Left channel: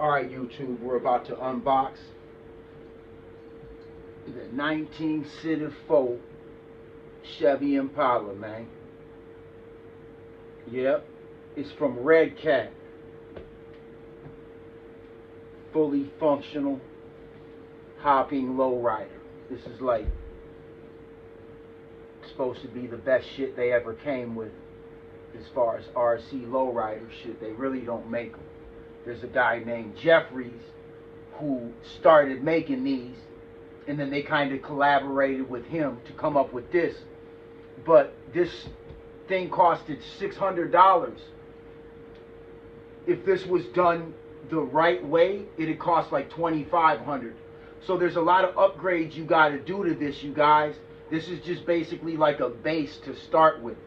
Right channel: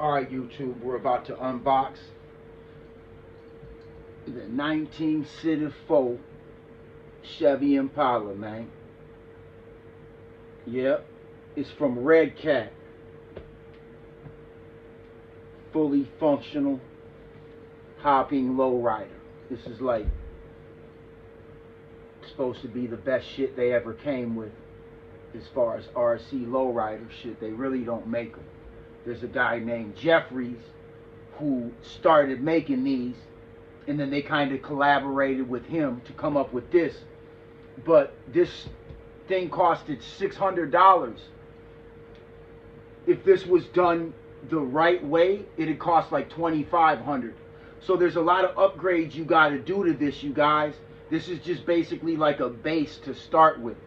Alright, YouTube, we're about to unbox the 1964 Chevy Impala, man. Yep, it's from RedCat. Fully functional, hopping LowRider. This is like supposed to be the best shit they ever came with as far as RC LowRider shit. They really don't make them. There's a guy named Jevries who started making these, and then they kind of collaborated with him to come up with this. But this thing costed $600. If this was done the right way, it'd cost like $2,500. So there's a lot of upgrades you got to do to this, you guys. This is just basically like a base to start with,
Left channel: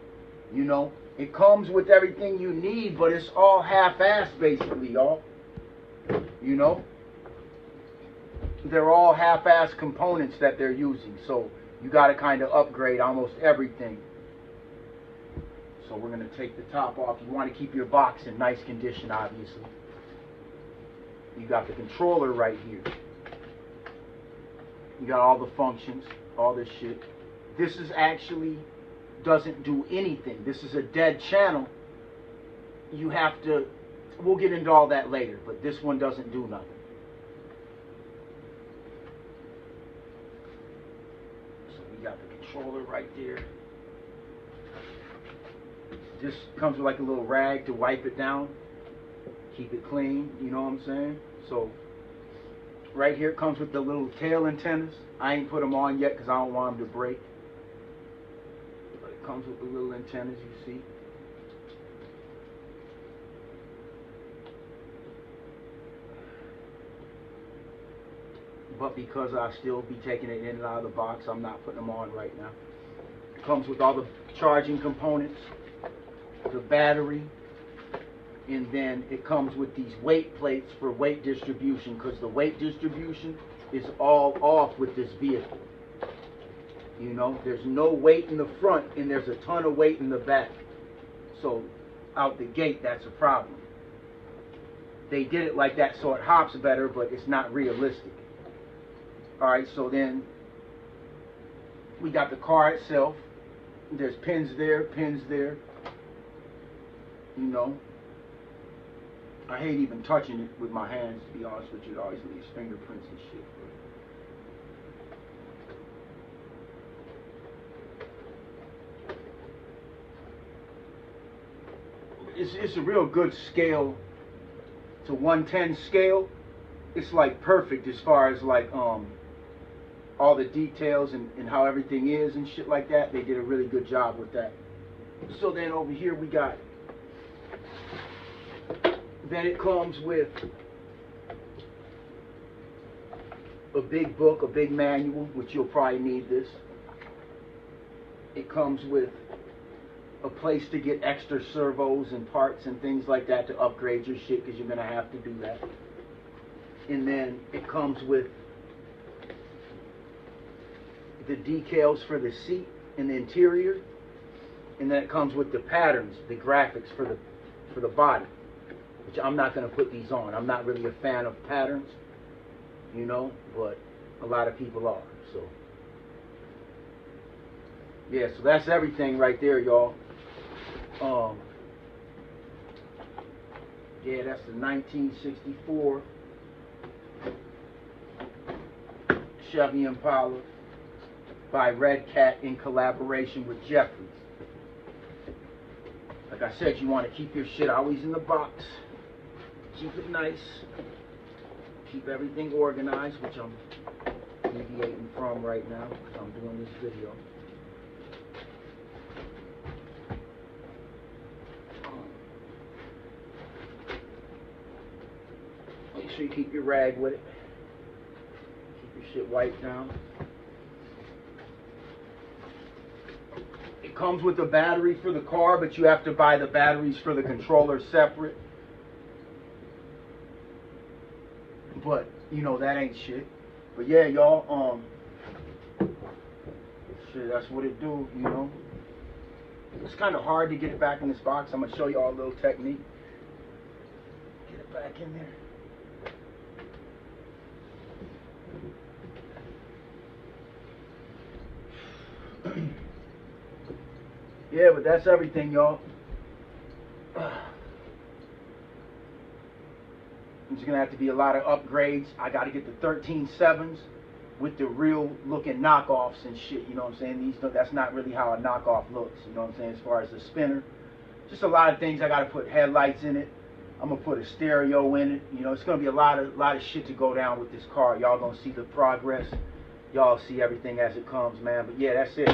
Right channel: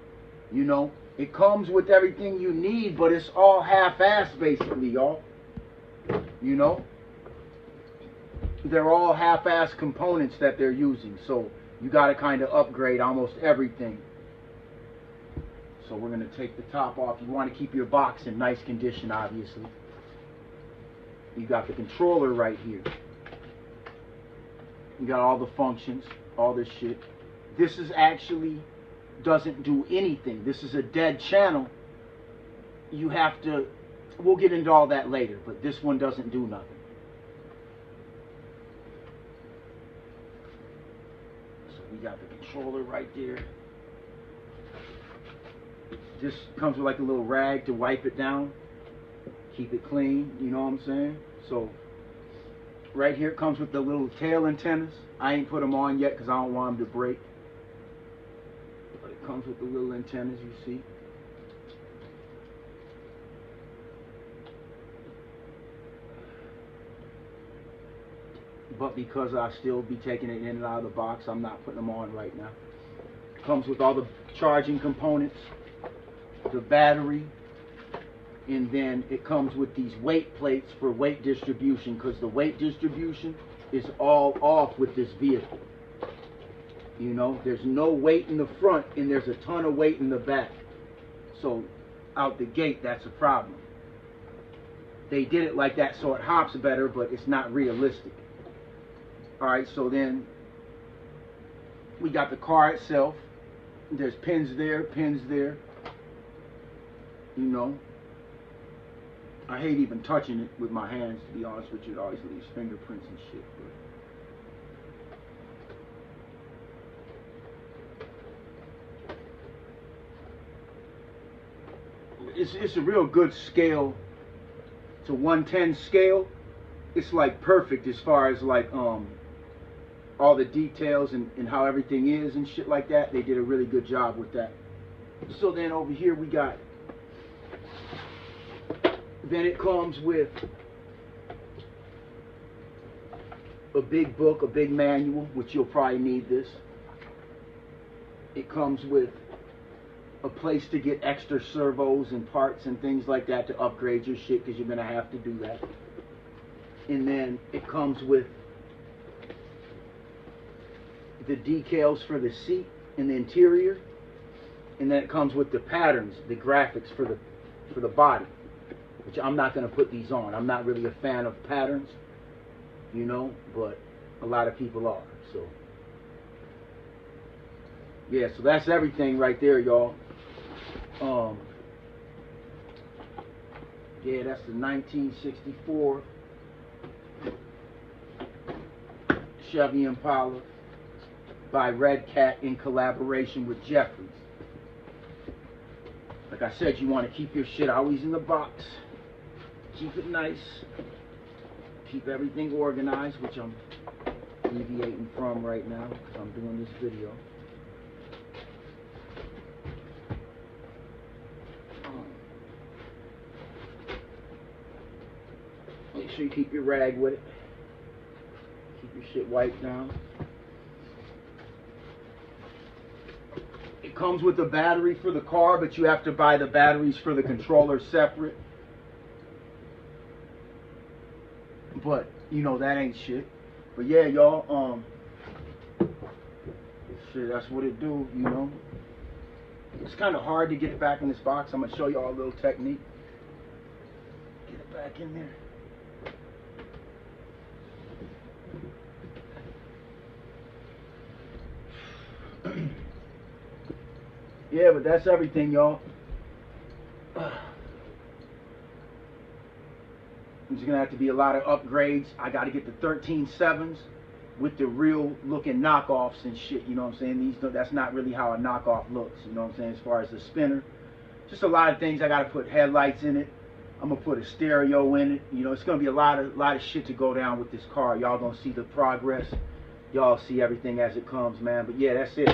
you know. It comes with everything you need, but it's all half-assed basically, y'all. You know, they're all half-assed components that they're using, so you got to kind of upgrade almost everything. So we're going to take the top off. You want to keep your box in nice condition, obviously. You got the controller right here. You got all the functions, all this shit. This is actually doesn't do anything. This is a dead channel. You have to, we'll get into all that later, but this one doesn't do nothing. So we got the controller right there. This comes with like a little rag to wipe it down, keep it clean, you know what I'm saying? So right here it comes with the little tail antennas. I ain't put them on yet because I don't want them to break. But it comes with the little antennas, you see. But because I still be taking it in and out of the box, I'm not putting them on right now. It comes with all the charging components, the battery, and then it comes with these weight plates for weight distribution, because the weight distribution is all off with this vehicle. You know, there's no weight in the front and there's a ton of weight in the back. So out the gate, that's a problem. They did it like that so it hops better, but it's not realistic. Alright, so then we got the car itself. There's pins there, pins there. You know, I hate even touching it with my hands, to be honest with you. It always leaves fingerprints and shit. But it's a real good scale. It's a 110 scale. It's like perfect as far as like all the details and how everything is and shit like that. They did a really good job with that. So then over here we got, then it comes with a big book, a big manual, which you'll probably need this. It comes with a place to get extra servos and parts and things like that to upgrade your shit, because you're going to have to do that. And then it comes with the decals for the seat and the interior. And then it comes with the patterns, the graphics for the body, which I'm not going to put these on. I'm not really a fan of patterns, you know, but a lot of people are. So yeah, so that's everything right there, y'all. Yeah, that's the 1964 Chevy Impala by RedCat in collaboration with Jevries. Like I said, you want to keep your shit always in the box. Keep it nice. Keep everything organized, which I'm deviating from right now because I'm doing this video. Make sure you keep your rag with it. Keep your shit wiped down. It comes with a battery for the car, but you have to buy the batteries for the controller separate. But you know that ain't shit. But yeah, y'all, sure, that's what it do, you know. It's kind of hard to get it back in this box. I'm gonna show you all a little technique. Get it back in there. Yeah, but that's everything, y'all. There's gonna have to be a lot of upgrades. I gotta get the 13.7s with the real looking knockoffs and shit, you know what I'm saying? That's not really how a knockoff looks, you know what I'm saying, as far as the spinner. Just a lot of things. I gotta put headlights in it. I'm gonna put a stereo in it. You know, it's gonna be a lot of shit to go down with this car. Y'all gonna see the progress. Y'all see everything as it comes, man. But yeah, that's it.